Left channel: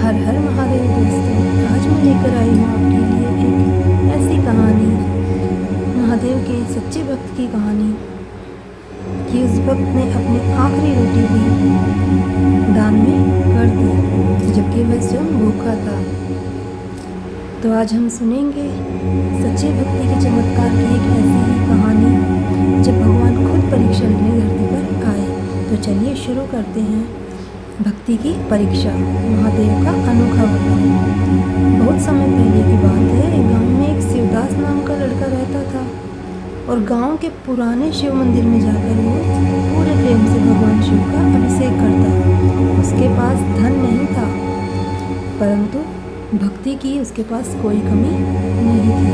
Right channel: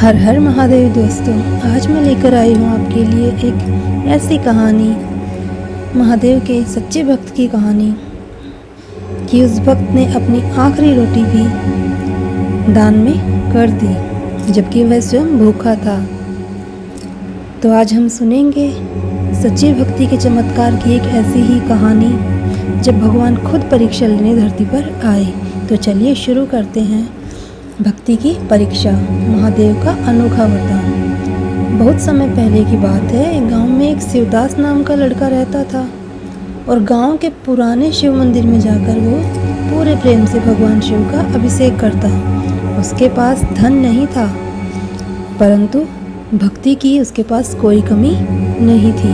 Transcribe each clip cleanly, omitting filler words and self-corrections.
हर हर महादेव दोस्तों, आज मैं लेकर आई हूँ आपके लिए एक ऐसी कहानी, महादेव के सच्चे भक्त की कहानी कि उस भक्त ने अपनी आखिरी रोटी भी दान में कर दी जबकि वह स्वयं भूखा था। तो आज हम सुनेंगे सच्ची भक्ति के चमत्कार की एक ऐसी ही कहानी जब भगवान खुद परीक्षा लेने धरती पर आए। तो चलिए शुरू करते हैं भक्ति की परीक्षा, महादेव का अनोखा वरदान। बहुत समय पहले की बात है, गांव में एक शिवदास नाम का लड़का रहता था और गांव के पुराने शिव मंदिर में जाकर वो पूरे प्रेम से भगवान शिव का अभिषेक करता। उसके पास धन नहीं था, परंतु भक्ति की उसके पास कोई कमी नहीं थी।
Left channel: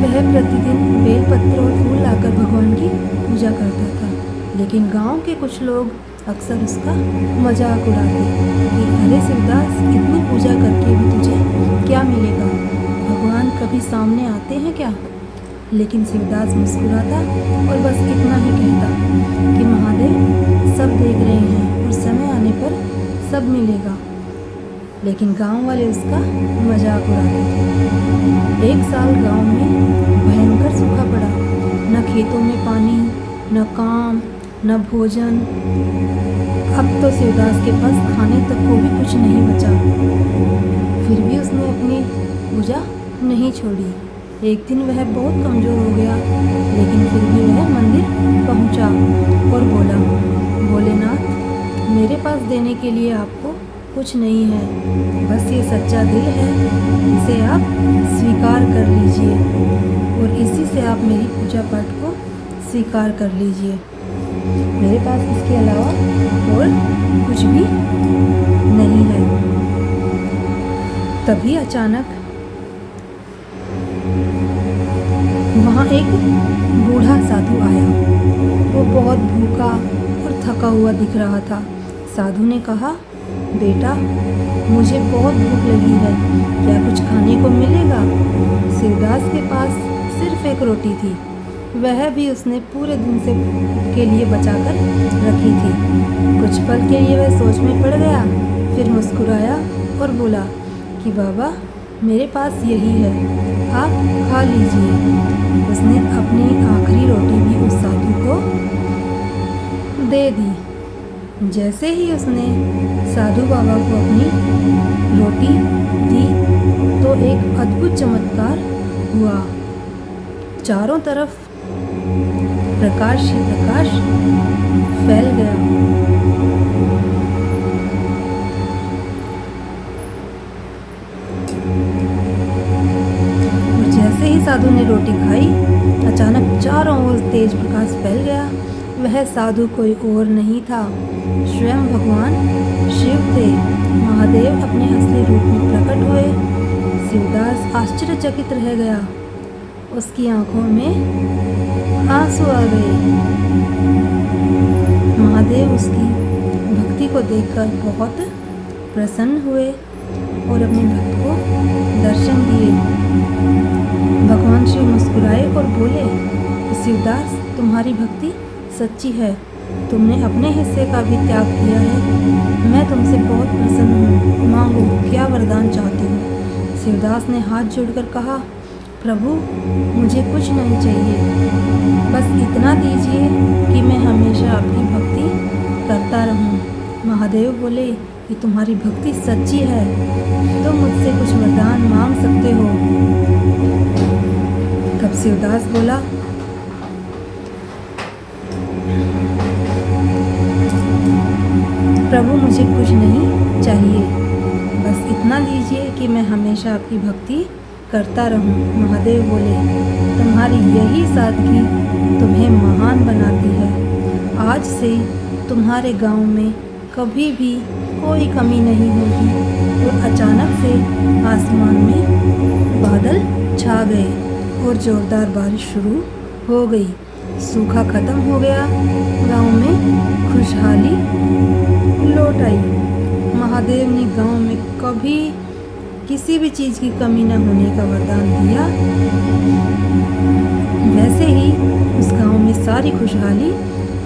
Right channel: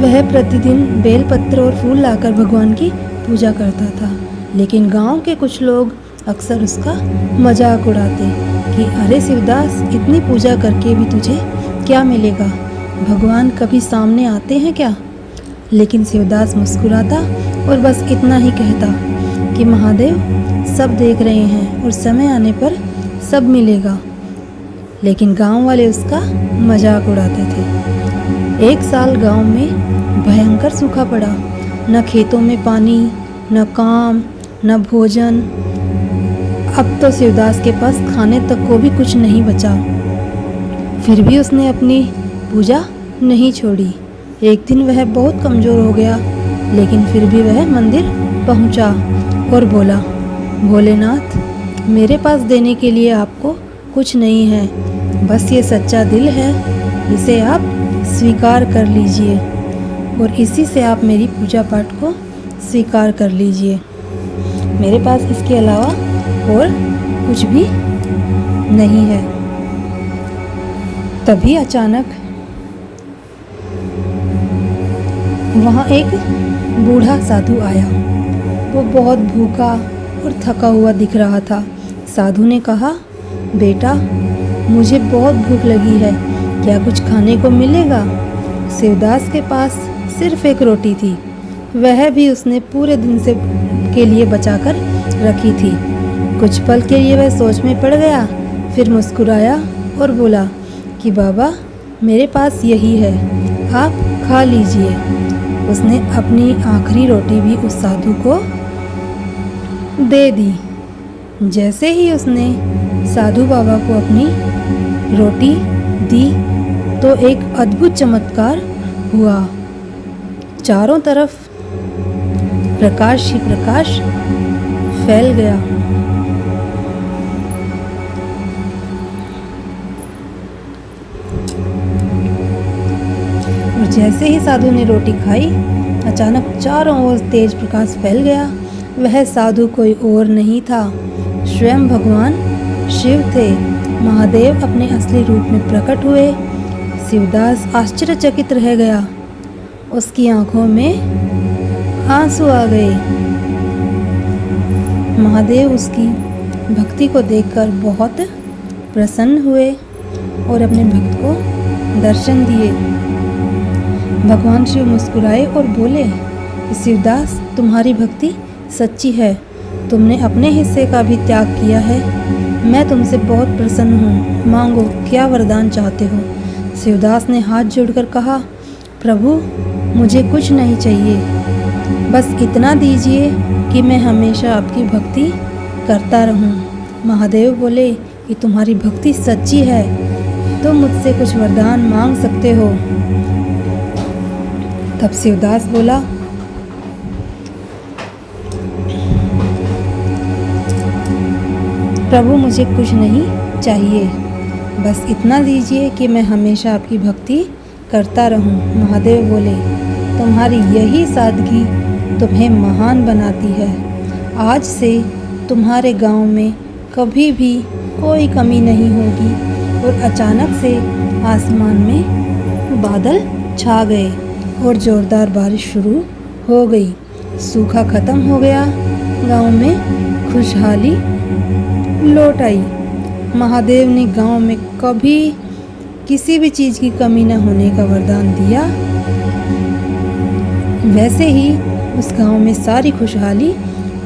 वह प्रतिदिन बेलपत्र और फूल लाकर भगवान की पूजा करता था, लेकिन गांव के कुछ लोग अक्सर उसका मजाक उड़ाते कि अरे शिवदास, इतनी पूजा करके भी तुझे क्या मिलेगा? भगवान कभी सामने आते हैं क्या? लेकिन शिवदास मुस्कुराता और बस इतना ही कहता कि महादेव सब देख रहे हैं और समय आने पर सब मिलेगा। लेकिन गांव वाले उसका मजाक उड़ाते थे। एक साल गांव में भयंकर सूखा पड़ा, न खेतों में पानी, न काम, न भोजन। अब तो शिवदास के पास खाने तक को भी कुछ नहीं बचा। फिर भी उसने अपनी पूजा नहीं छोड़ी। एक दिन वह बहुत कमज़ोर हो गया, लेकिन फिर भी वह मंदिर पहुंचा और बोला, भोलेनाथ, मेरे पास देने के लिए आपको कुछ नहीं है, बस ये सच्चा दिल है, इसे आप स्वीकार कर लीजिए और इसी से आप मेरी पूजा पाठ को स्वीकार कर लीजिए। मेरे पास इसके अलावा और कुछ भी नहीं है। तभी अचानक वहाँ एक बूढ़ा साधु आया। वो बहुत भूखा और थका हुआ दिख रहा था। साधु ने कहा, बेटा, मुझे बहुत भूख लगी है, क्या कुछ खाने को मिलेगा? शिवदास के पास सिर्फ एक रोटी थी, वह भी उसने पूरे दिन से के लिए बचाकर रखी थी। कुछ पल के लिए वह सोच में पड़ गया, फिर मुस्कुराया और बोला कि बाबा, मेरे पास यही है, आप खा लीजिए। उसने अपनी आखिरी रोटी भी उस साधु को दे दी। जैसे ही उसने साधु बाबा को अपनी रोटी दी तो एक अद्भुत चमत्कार हुआ। चारों तरफ प्रकाश ही प्रकाश फैल गया। और जैसे ही साधु ने रोटी खाई, अचानक चारों ओर तेज प्रकाश फैल गया। वह साधु कोई और नहीं था, स्वयं भगवान शिव थे। महादेव अपने असली रूप में प्रकट हुए। शिवदास आश्चर्यचकित रह गया। उसकी आंखों में आंसू आ गए। महादेव उसकी भक्ति को देखकर बहुत प्रसन्न हुए और अपने भक्त को दर्शन दिए। भगवान शिव मुस्कुराए और बोले, शिवदास, तुम्हारी भक्ति सच्ची है, तुमने अपने हिस्से का भी त्याग किया है। मैं तुमसे बहुत प्रसन्न हूँ, मांगो, क्या वरदान चाहते हो? शिवदास ने हाथ जोड़कर कहा, प्रभु, मुझे कुछ नहीं चाहिए, बस इतना दीजिए कि मैं हमेशा आपकी भक्ति करता रहूं। महादेव बोले कि तुम्हारी भक्ति सच्ची है, तुम मुझसे कुछ वरदान मांग सकते हो। तब शिवदास बोला, प्रभु, मुझे कुछ नहीं चाहिए, बस इतना दीजिए कि मैं हमेशा आपकी भक्ति करता रहूं। महादेव बोले, तुम्हारी यही सादगी तुम्हें महान बनाती है। आज से तुम्हारे गांव में कभी भी कोई कमी नहीं होगी। और अचानक से आसमान में बादल छा गए और जोरदार बारिश शुरू हो गई। सूखा खत्म हो गया, गांव में खुशहाली लौट आई। महादेव ने गांव में कभी किसी भी चीज़ की कमी न होने का वरदान दिया। वैसे ही उस गांव में सारी खुशहाली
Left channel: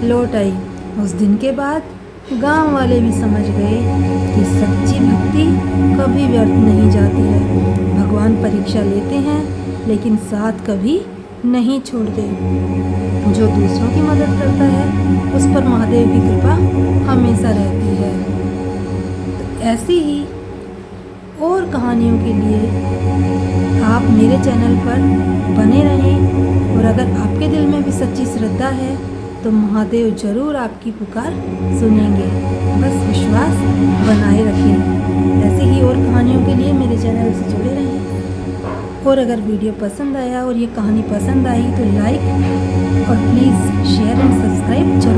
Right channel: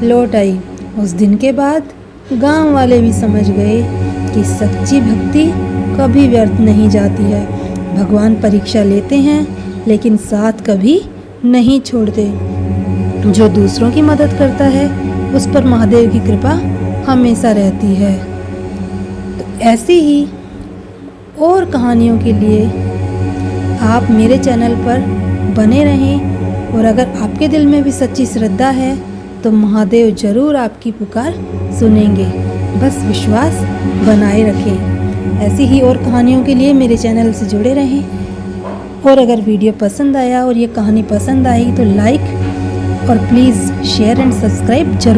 लौट आई। उस दिन के बाद गांव वाले भी समझ गए क्योंकि सच्ची भक्ति कभी व्यर्थ नहीं जाती है। भगवान परीक्षा लेते हैं लेकिन साथ कभी नहीं छोड़ते। जो दूसरों की मदद करता है उस पर महादेव की कृपा हमेशा रहती है। तो ऐसी ही और कहानियों के लिए आप मेरे चैनल पर बने रहें और अगर आपके दिल में भी सच्ची श्रद्धा है तो महादेव ज़रूर आपकी पुकार सुनेंगे। बस विश्वास बनाए रखें। ऐसी ही और कहानियों के लिए मेरे चैनल से जुड़े रहें। और अगर वीडियो पसंद आया और ये कहानी पसंद आई तो लाइक और प्लीज़ शेयर एंड सब्सक्राइब जरूर